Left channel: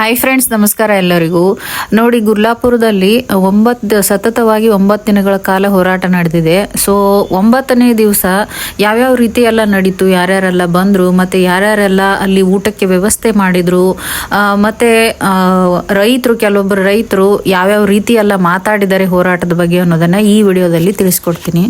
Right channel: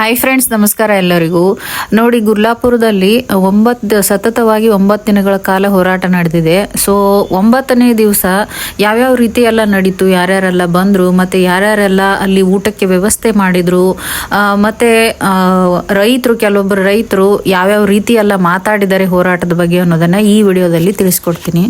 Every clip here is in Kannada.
ಹಾಯ್ ಫ್ರೆಂಡ್ಸ್ ನಮಸ್ಕಾರ ಎಲ್ಲರಿಗೂ. ನೋಡಿ, ಗುರ್ಲಾಪುರದಲ್ಲಿ ಒಂಬತ್ತು, ಸತತವಾಗಿ ಒಂಬತ್ತು ದಿನಗಳ ಕಾಲ ಹೋರಾಟ ನಡೆದಿದೆ. ಸೊ ಒಂಬತ್ತನೇ ದಿವಸ ಯಾವ್ಯಾವ ರೀತಿ ಎಲ್ಲ ನಡೀತು, ಯಾರ್ಯಾರೆಲ್ಲ ಬಂದರು, ಮತ್ತು ಯಾರ್ಯಾರೆಲ್ಲ ಅಲ್ಲಿ ಊಟಕ್ಕೆ ವ್ಯವಸ್ಥೆ ಮಾಡಿದರು ಮತ್ತು ರೈತರು, ಕೆಲವೊಬ್ಬರು ರೈತರು ಯಾವ್ಯಾವ ರೀತಿ ಎಲ್ಲ ಮಾತಾಡಿದ್ದಾರೆ ಹೋರಾಟದ ಬಗ್ಗೆ ಅನ್ನೋದನ್ನು ಈ ವಿಡಿಯೋದಲ್ಲಿ ತಿಳಿಸ್ಕೊಡ್ತೀನಿ.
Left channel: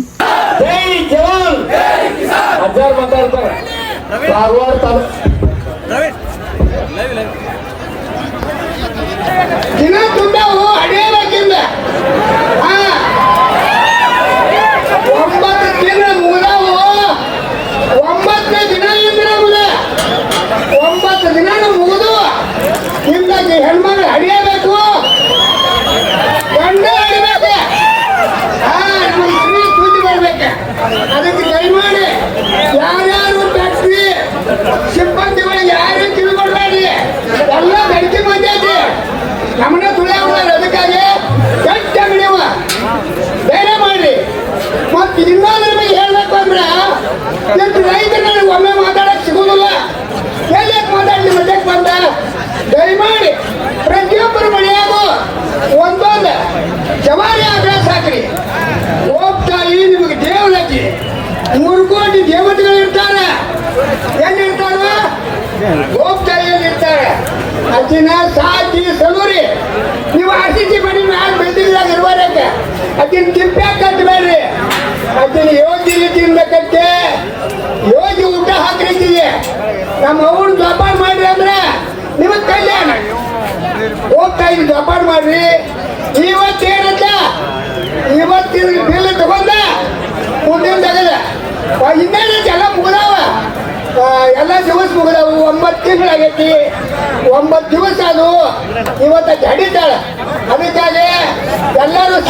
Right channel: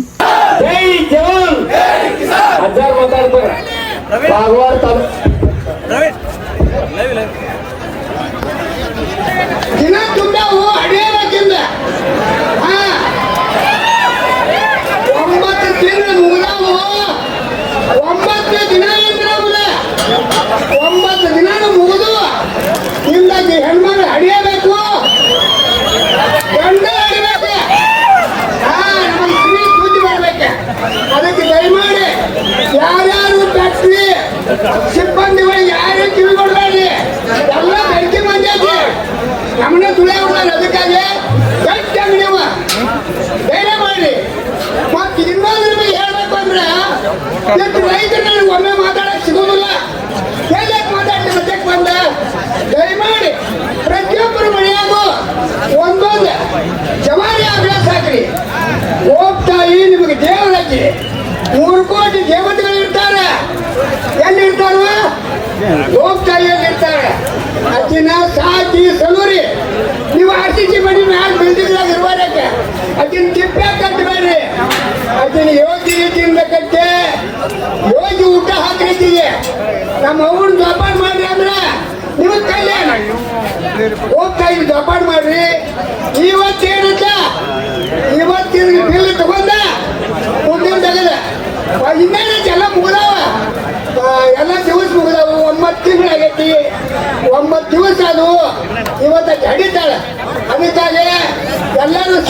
Martinez.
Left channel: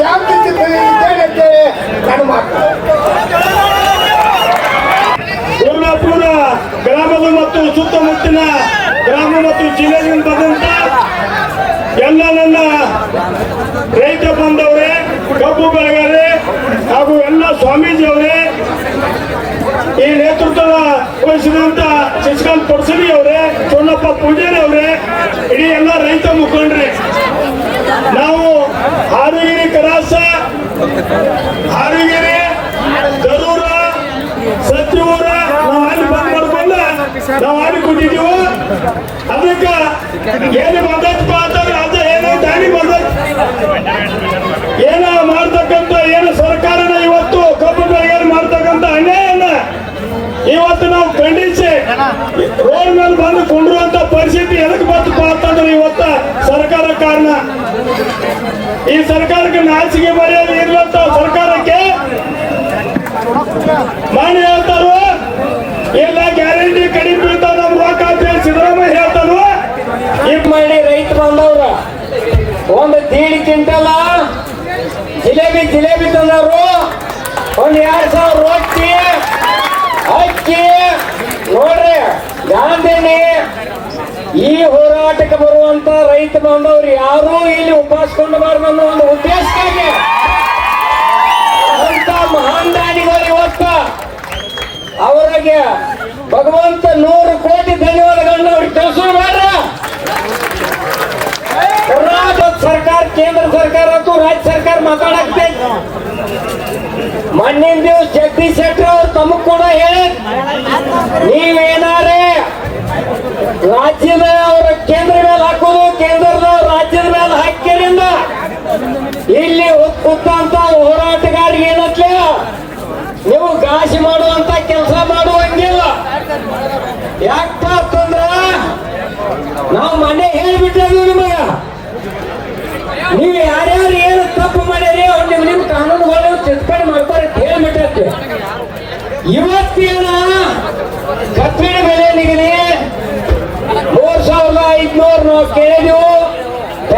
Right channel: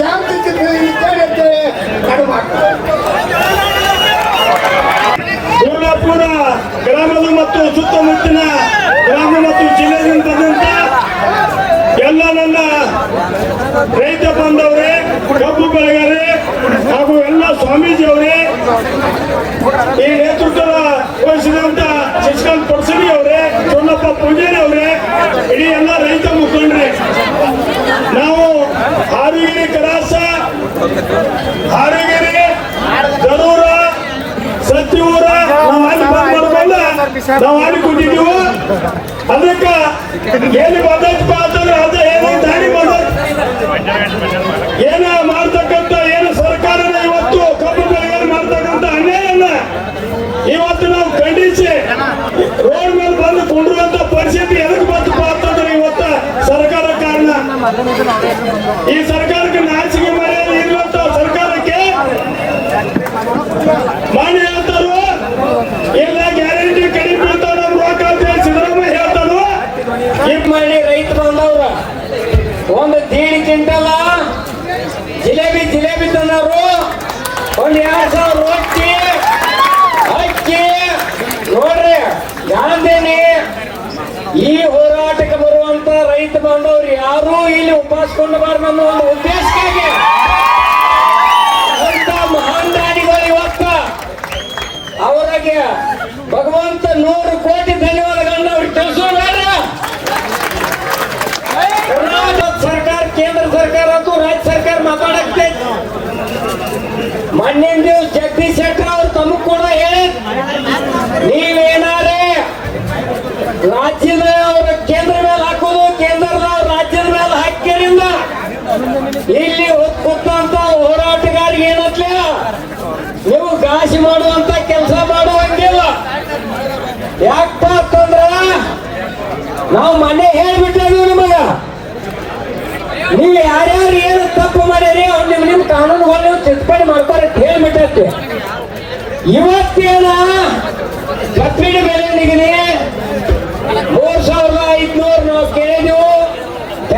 Shout it to Harugiri ಗರೂರ ಸತ್ಯೂರ ನಾವು ಬಂದ್ ನಾವು ಅದಕ್ಕೆ ಏನು ಬಂದೈತಪ್ಪ ಅಂತಂದ್ರೆ ಅದು ಏನೋ ದಾರಿ ಏನ ಮಾಡ್ತಕ್ಕಂಥ, ಏನು ಸರ್ಕಾರದ ಇವತ್ತು ಕಬ್ಬು ಏನು ಮಾಡ್ತಕ್ಕಂಥ ಅನ್ಯಾಯನ ಇವತ್ತು ನಾವು ಖಂಡಿಸಿ ರೋಡ್ ಮೇಲೆ ಬಂದು ಕೊಂಡ್ರುವಂತ ಈ ಹೋರಾಟಕ್ಕೆ ಬರುವಂತ ರೈತ ಬಂದವರು ಯಾರು ಇಲ್ಲಿ ಉಪಾಸ್ಕೊಂಡು ಬಾರ್ದು ಅನ್ನೋ ಒಂದು ಹೇಳ್ಬಿಟ್ಟೈತಿ ಇವತ್ತೇನು ಕಬ್ಬಿಣ ಬೆಲೆ ನಿಗದಿ ಮೂರ್ ಸಾವಿರದ ಐದ್ನೂರು ಕೇಳಿದೆವು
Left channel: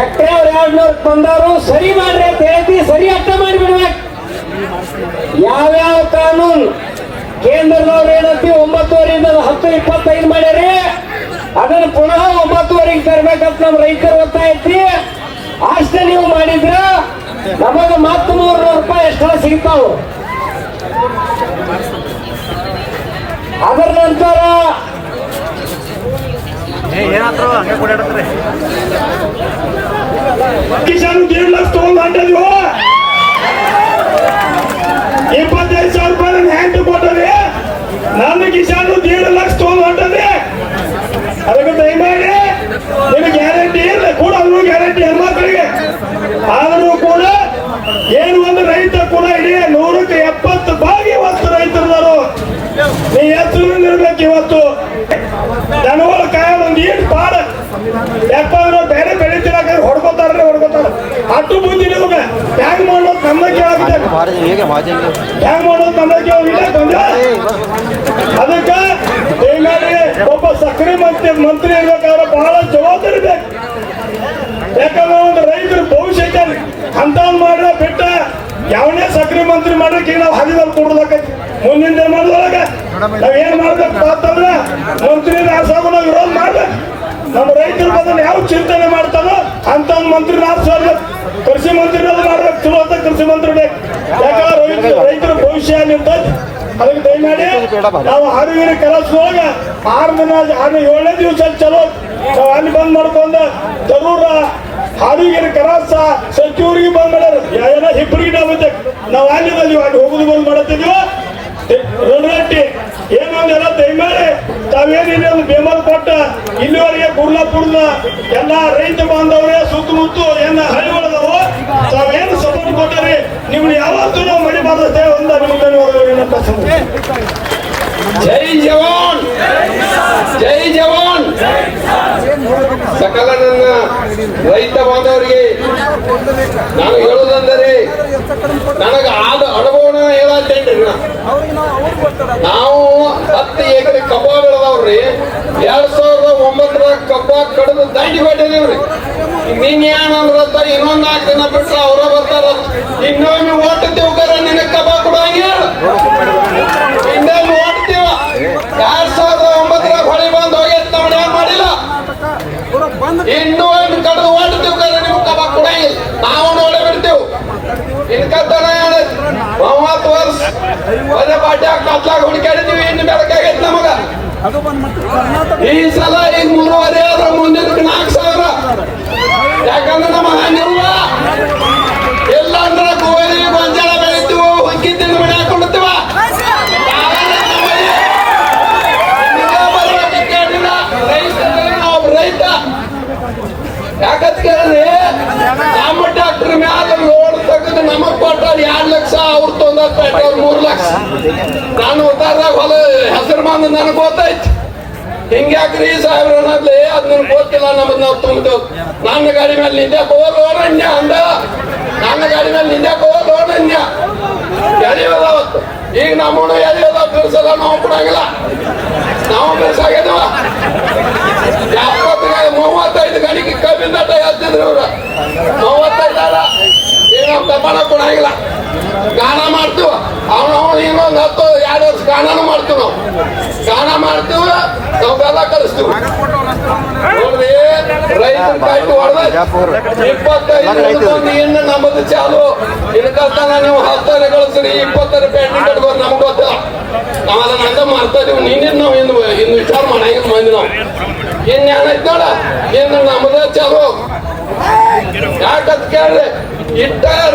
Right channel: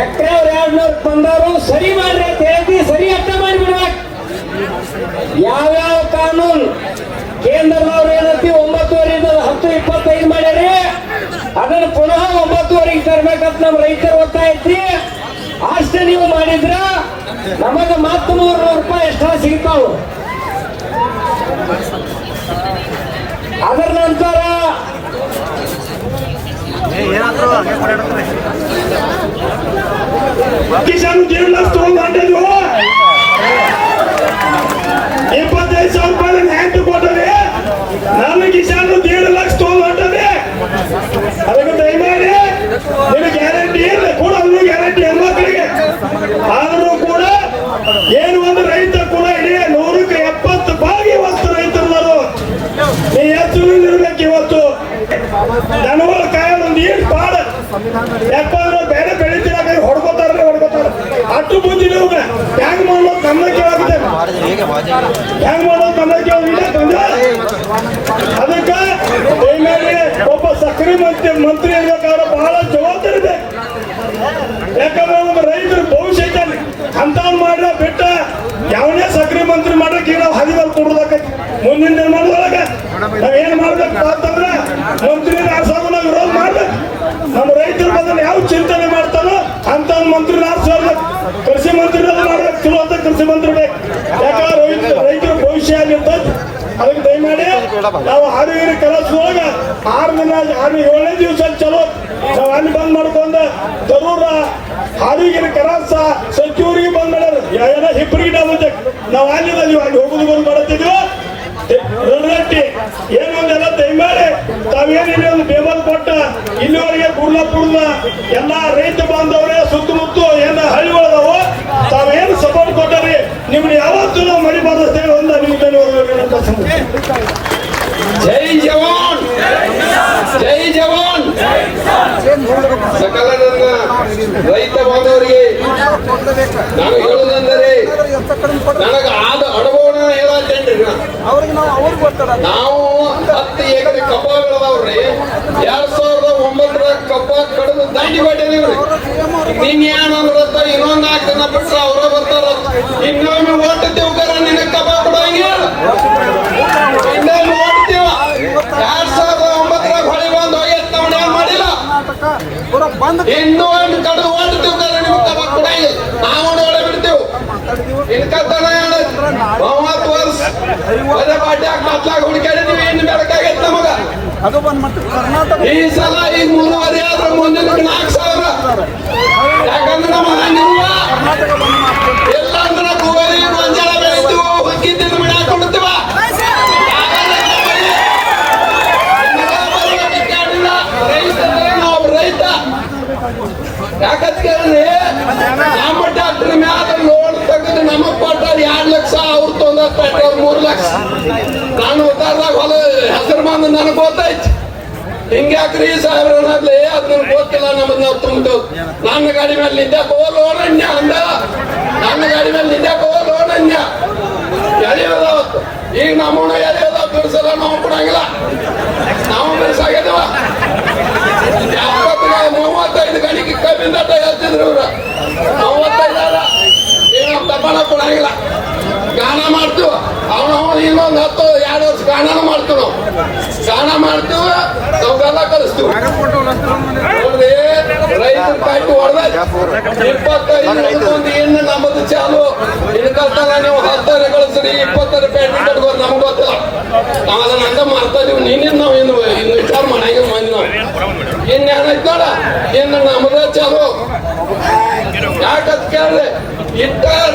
ಎಕರೆ ಎರಡ್ನೂರು ತಂದವರು ಸರಿ ಮಾಡ್ರಿ ಅಂತ ಹೇಳ್ತೀವಿ, ಸರಿ ಅರ್ಥ ಮಾಡಿಬಿಡ್ಬೇಕು ಯಾವ್ಯಾವ ಕಾನೂನು ಕೇಂದ್ರದವ್ರು ಏನಂತಿ ಒಂಬತ್ತುವರೆಯಿಂದ ಹತ್ತು ಇಪ್ಪತ್ತೈದು ಮಾಡ್ಯಾರಿ ಅದನ್ನು ಪುನಃ ಒಂಬತ್ತುವರೆಗೆ ತರ್ಬೇಕಂತ ನಮ್ಮ ರೈತರು ಒತ್ತಾಯ ಐತಿ ಅಷ್ಟೇ ನೀವು ಮಾಡಿದ್ರ ನಮಗೆ ಮತ್ತೆ ನೂರು ನೂರು ರೂಪಾಯಿ ಎಕ್ಸ್ಟ್ರಾ ಸಿಗ್ತಾವು. కిషన్ కిరీళ్ళ స్టోన్ అంటే ಅಟ್ಟು ಬುದ್ಧಿ ತಮ್ಮ ಹ್ಯಾಂಗ್ ಮಾಡೋದು ಗಮನಕ್ಕೆ ಆಗುತ್ತೆ ಹ್ಯಾಂಗ್ ಮಾಡೋದು ಗಮನಕ್ಕೆ ಆಗಿದೆ? ಅದಕ್ಕೆ ಒಬ್ಬ ಸಕ್ರೆ ಮಂತ್ರಿ ಮಂತ್ರಿ ಇರ್ಬೇಕಾದ್ರೆ ಬಹಳ ಜವಾಬ್ದಾರಿ ಬೇಕು. ಯಾಕಂದ್ರೆ ಒಂದು ರೈತರ ಭವಿಷ್ಯ ಐತೆ ಅಂತ ಮಾಡ್ರೆ ಬಿಟ್ಟ ಯಾವನೇ ಸಕ್ರೆ ಮಂತ್ರಿ ಮಾಡ್ಲಿಕ್ಕೆ ನಾವು ಹರಿದಲ್ಲಿ ಕೊಡೋದಾಕೈತಿ ಮುಂದಿನ ಮಾಡಿದಾಗ ನಾವೇನ್ ಮಾಡ್ಬೇಕು? ಅಂತಂದ್ರೆ ನಾವು ಹಾಡುಗಿರಿ ಕಲಸೊಳಗ ಆರು ದಿನ ಆರು ಏಳನೇ ದಿವಸ ಚಲೋ ನಾವು ಅಲ್ಲಿ ಬಂದ್ ಮಾಡ್ಕೊಂಡ ಜರೂರ ಹಾಡುಗಿರಿ ಕಲಸ ಸಚಿವರಿಗೆ ಬಂದ್ ಮಾಡೋದು ಏನೋ ಹಿಬ್ಬರಿಗೆ ಆಗುತ್ತೆ ನಾವು ನೀವು ಅಲ್ಲಿ ಹೋಗುದು ಬಂದ್ ಮಾಡುತ್ತಿದ್ವು ಏನಾದ್ರೆಲ್ಲ ದಯಮಾಡಿ ತಾವೇನಿದೆ ಒಂದು ಬೆಂಬಲ ಕೊಟ್ಟ ಇಲ್ಲಿವರೆಗೆ ಕುರ್ಲಾಪುರದ ಎಲ್ಲ ರೈತ ಬಾಂಧವರೇ, ಸುತ್ತಮುತ್ತ ಏನ ಹಳ್ಳಿಗಳದಾವು. ತಾವೇನು ಸಪೋರ್ಟ್ ಕೊಟ್ಟಾರಿ ನಿಮ್ಗೆ ಯಾವತ್ತೂ ನಾವು ಮರಿಬಾರ್ದು ಅಂತ ನಿಮ್ಗೆ ಜೈ ಜವಾನ್! ಜೈ ಜವಾನ್! ಸಕಲ ನನ್ನ ರೈತ ಬಾಂಧವರಿಗೆ ನಾನು ನನಗೆ ಆದ ಅನುಭವನ ಹೇಳತ್ತೇನ್ರಿ ನಾ. ಅವ್ರಿಗೆ ನಾವು ಅವ್ರಿಗೆ ಗೊತ್ತಾರ ನಾವು ಹತ್ತು ಎಕರೆ ಕಬ್ಬ ಬೆಳೆದವ್ರಿ ಎರಡ್ ಸಾವಿರದ ಒಂಬತ್ತರ ಕಬ್ಬ ಕಡಿದು ದಾಂಡಿ ಮಾಡಿದೀವ್ರಿ ನೀನ್ ಏನಂದ್ರಂತ ಇನ್ನೊಂದ್ ನಾಲ್ಕು ಜನ ಬಿಟ್ರೆ ಅವ್ರ ಬರ್ತಾರ ಇನ್ನೊಮ್ಮೆ ಓಡ್ತಿದ್ದೇವ್ಗಾರ ನಿನ್ನ ಕಬ್ಬ ಕೊಡಂಗಿಲ್ಲ ಇನ್ನೊಮ್ಮೆ ಓಡ್ತೀವ ಎರಡ್ ಸಾವಿರದ ಒಂಬತ್ತರ ಹೊಳೆ ಬಂದು ಹೋಗ್ಯದ ನಾವು ಏನ್ ಮಾಡಿಲ್ಲ ಕರ್ನಾಟಕ ಪೂರ ಬಂದ್ ಇಂದು ಒಂದು ಕಡಿದು ಓಡ್ತಿದ್ದೇವ್ಗಾರ ನಿಮ್ ಕಬ್ಬ ಕೊಡಂಗಿಲ್ಲ ನಾವು ನೋಡೇ ಬಿಡ್ತೇವೆ ಮಾತಾಡಿದೀವಿ ಇನ್ಕತ್ತರ ಮೂವತ್ತು ವರ್ಷ ಒಳ್ಳೆ ಪಾಟ್ಯಾಗ ಕತ್ಲಾಗ ಹುಡುಕಾಡಿದೀವಿ ಇನ್ನು ಬೇಕಾಗೈತೆ ಬಂದ್ ಅದು ಬಂದ್ ಮತ್ತೆ ಕರ್ನಾಟಕ ಈ ಸಲ ಆದ್ರೆ ಮುಂದಿನ ನಾಲ್ಕು ಸಾವಿರ ಯಾಕಂದ್ರೆ ನಮ್ಮ ಹಿಂಗ್ಯಾಕ್ರಿ ಸಾವಿರ ಅನ್ನೋದ್ಲೆ ಅದ್ ನನ್ಗೆ ಗೊತ್ತಿಲ್ಲ ನಮ್ಮದ್ ನಾವು ತುಂಬಿತು. ನನ್ನ ಗಾಡಿ ಮೇಲೆ ನಿಂದ್ಯಾಕ ಹೋದೋ ನಂದ್ಯ ಅಂದ. ನನ್ನ ಗಾಡಿ ಮೇಲೆ ನಿಂದ್ಯಾಕ ಹೋದೋ ಯಾರೇ ಎಳೆಯೋದಾವ ಈಗ ನಮ್ಮನ್ನ ಎಳೆಯೋದಾವ ಬಿರ್ಸಲ್ಲ ನಾವು ಕೊಡಂಗಿಲ್ಲ. ನಾವು ಬಿರ್ಸಾಗಿದ್ದೀವ ಯಾವತ್ತಿಗೆ ಮೂವತ್ತೈದು ಗಡಿಗೆ ಕಬ್ಬಿಂದ ಹೇಳ್ತಿದ್ರು ಅವ್ರು ಮೂವತ್ತೈದಲ್ಲ ಈಗ ನಾವು ತಪ್ಪಣ ಕೊಡಂಗಿಲ್ಲ ಗಾನ ಮಾಡ್ತೀವ ಅವನು ಅವನು ಇನ್ನೊಂದು ಹತ್ತು ಎರಡು ವರ್ಷ ಗಾನ ಮಾಡ್ತೀವಿ ನಾವು ಗಾನ ಮಾಡ್ತೀವ ನಾವೆಲ್ಲ ಕಲಿಸ್ತೀವಿ ನೋಡ್ರಿ ರೈತರ ಕಾಯ್ತು ಹೊಡೆದ ಇಪ್ಪತ್ತೈದು ಹಿಡಿದೊಂದು ಇನ್ನು ನಮ್ಮದು ಚಾಲು ಇಡಕತ್ತಾರ ನಾವು ಹತ್ತರ ಕಳಿಸ್ರಿ ರೂಪಾಯಿ ನಮ್ಗೆ ಗೊತ್ತಿಲ್ಲ ನಾವು ಅದನ್ನ ಹಂಗ ನಾವು ಇನ್ನು ವಿಚಾರ ನಾವು ಇನ್ನೇನಾಯ್ತಲ್ಲ ಇನ್ನು ನಮ್ಮದೇ ಚಾಲು ಯಾಕಂತ ಕೇಳ್ರಿ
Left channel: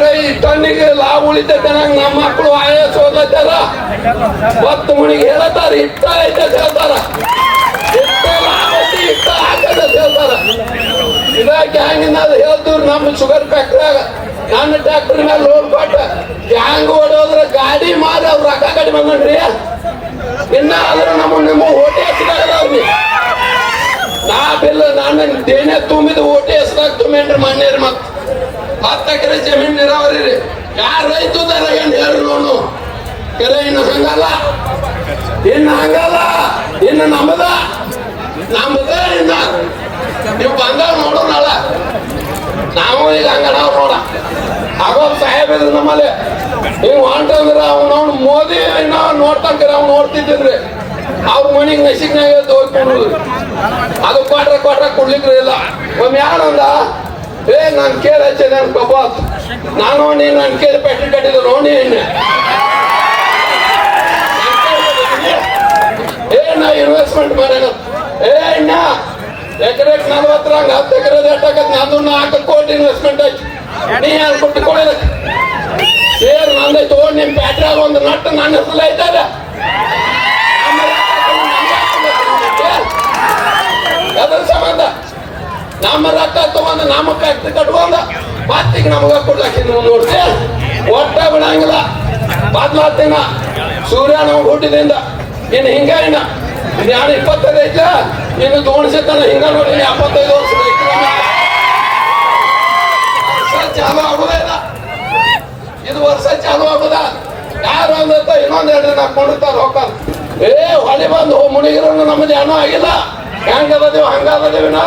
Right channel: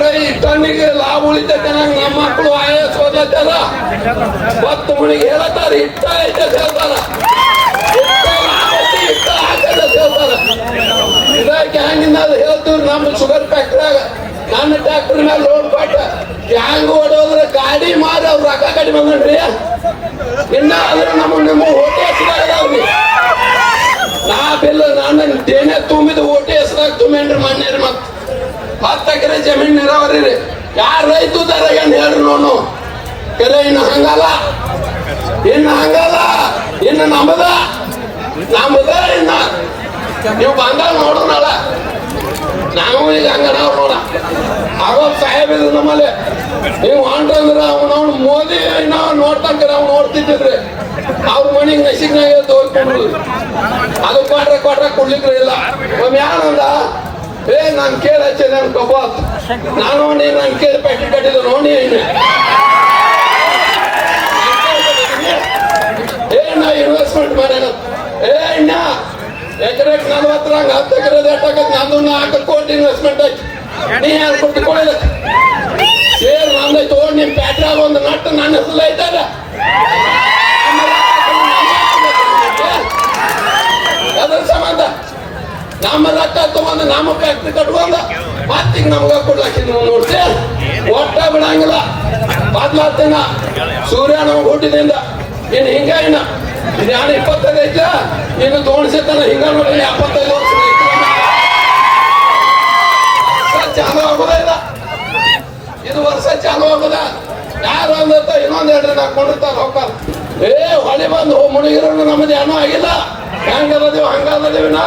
ರೈ ಟನ್ನಿಗೆ ಲಾಭ ಉಳಿತೈತೆ ನಮ್ಮ ಮಕ್ಕಳು ಆಯಾಸ ಓದತ್ತಾರ ಹೊತ್ತು ಹೇಳತ್ತಾರ? ಇಟ್ಟ ಐತೆ ಹೇಳ್ತಾರ ಇಟ್ಟ ಆಗೈತಿ, ಇಟ್ಟ ಆಗೈತೆ ಅಂತ ಹೇಳ್ತಾರ ಇದಕ್ಕೆ ಹ್ಯಾಂಗಿಂದ ಅದು ಹೇಳ್ತೀವಿ ನಮ್ಮ ಶುಗರ್ ಫ್ಯಾಕ್ಟ್ರಿಯಾಗ ನನ್ನ ಟ್ಯಾಕ್ಟ್ರಿ ಮೇಲೆ ರೋಡ್ ಕೊಟ್ಟ ಹ್ಯಾಂಗ್ ಓಡೋದ್ರ ಗಾಡಿ ಮಾರ ಅವ್ರು ರೊಕ್ಕ ಕಡಿಮೆ ಮಾಡ್ರಿ ಇನ್ನ ಅಂದ್ರೆ ನಮ್ಮ ನಮ್ಮ ಹೋಟೆ ಅವ್ರಿಗೆ ನಾ ಬಿಲ್ಲ ನಾನು ದೇನೆ ತುಂಬಿದ ಓಟೆ ಹೆಸರಾಗ ತುಂಬೇನ್ರಿ ಮಣ್ಣೇರಿ ಮತ್ ಹತ್ತು ಎಕರೆ ಜಮೀನ್ ನೀರಾವರಿ ಯಾರ ರೈತ ಹೇಳಿ ನೋಡು ಕೆರೆ ಇನ್ನು ಹಂಗಲ್ಲ. ಇನ್ನು ಹಂಗಲ್ಲ. ಇನ್ನು ನಮ್ಮದ ನಮ್ಮದ ಇನ್ನ. ನೀವು ಬಂದಾಗ ನೋಡೋಣ ನಾವು ಈಗ ಹಂಗ ನಾವು ನೋಡ ನಾವು ಸಾಹೇಬ್ ಇದ್ರು ನಮ್ಮಲ್ಲಿ, ನೀವು ಮಾಡ್ರಂದ್ರೆ ಅವನು ಮೋದಿ ಇನ್ನ ನೋಡ್ತಂದ್ರೆ ಅವ್ನು ನೋಡ್ತಿದ್ದಿದ್ರಿ ಅವ್ರ ಮನಿ ನಸಿಗ್ನಾಗ ಎದ್ದು ಹೋಗ್ಬಿಡುದು ಅದು ಕೊಟ್ರೆ ಕೊಟ್ರೆ ಕೊಡ್ಲಿಕ್ಕೆ ಇಲ್ಲ. ನಮ್ಮ ಯಾರಂದ್ರ ಏ, ನನ್ ಕೇಳಿ ಹಚ್ಚಿ, ನನ್ ನಾನು ನೀನು ಕೇರ್ ಪಟ್ಟಿ ಪಟ್ಟಿದ್ದು ನೋಡಿ ಏನ ಇನ್ವೆಸ್ಟ್ಮೆಂಟ್ ಮಾಡೋಣ ಏ, ಇನ್ನ ನಂಗೆ ಹತ್ತು ಎಕರೆ ಎಷ್ಟಾಗತ್ತೆ ನಂದು ನಾಲ್ಕು ಕೋಟಿ ಇನ್ವೆಸ್ಟ್ಮೆಂಟ್ ಐತಿ. ನೀ ಯಾರು ಕೊಟ್ಟು ಕೊಡೋದಕ್ಕೆ ಸೇರ್ ನಂದೆ ತಗೊಂಡು ನಿಮ್ ಪ್ಯಾಟ್ರ ಒಂದು ನಟ್ಟು ನನ್ನ ಹೆಸರು ಐತದ ನಮ್ಮ ರೊಕ್ಕ ತಗೊಂಡು ನಮ್ಮ ಫ್ಯಾಕ್ಟ್ರಿ ಕಟ್ಕೊಂಡು ಮತ್ತೀಗ ನಮ್ಗ ಕೊಡಕ್ಕೆ ನೋಡ್ತಿ ಒಟ್ಟ ಬಿಡಂಗಿಲ್ಲ. ಮೊದ್ಲು ತಿಂಗ ಸೂರ್ಯ ನಾವು ಹುಟ್ಟಿದಿಂದ ಇನ್ನು ಯಾರು ಇಪ್ಪತ್ತೈದು ಐತೆ. ಈಗ ತೋಣಿಸಿರ್ತಾನೆ ಹಿಂಗ ಎಪ್ಪತ್ತೈದು ವರ್ಷ ಚಾಲು ಆಗುದಿಲ್ಲ ಇದು ವರ್ಷ ಚಾಲು ಯಾರು ಬಂದಂತ ಇನ್ನೊಂದ್ ಎರಡು ದಿನ ಹಾಕೊಂಡಿರ್ತಾರ ಹೋಗ್ತಾರ ಏ ಬಂದು ಮುಳುಗಿರೋನು ನಮ್ಮದು ಏನೂ ಆಗಿಲ್ಲ. ಹೆಂಗದ ಹಂಗದ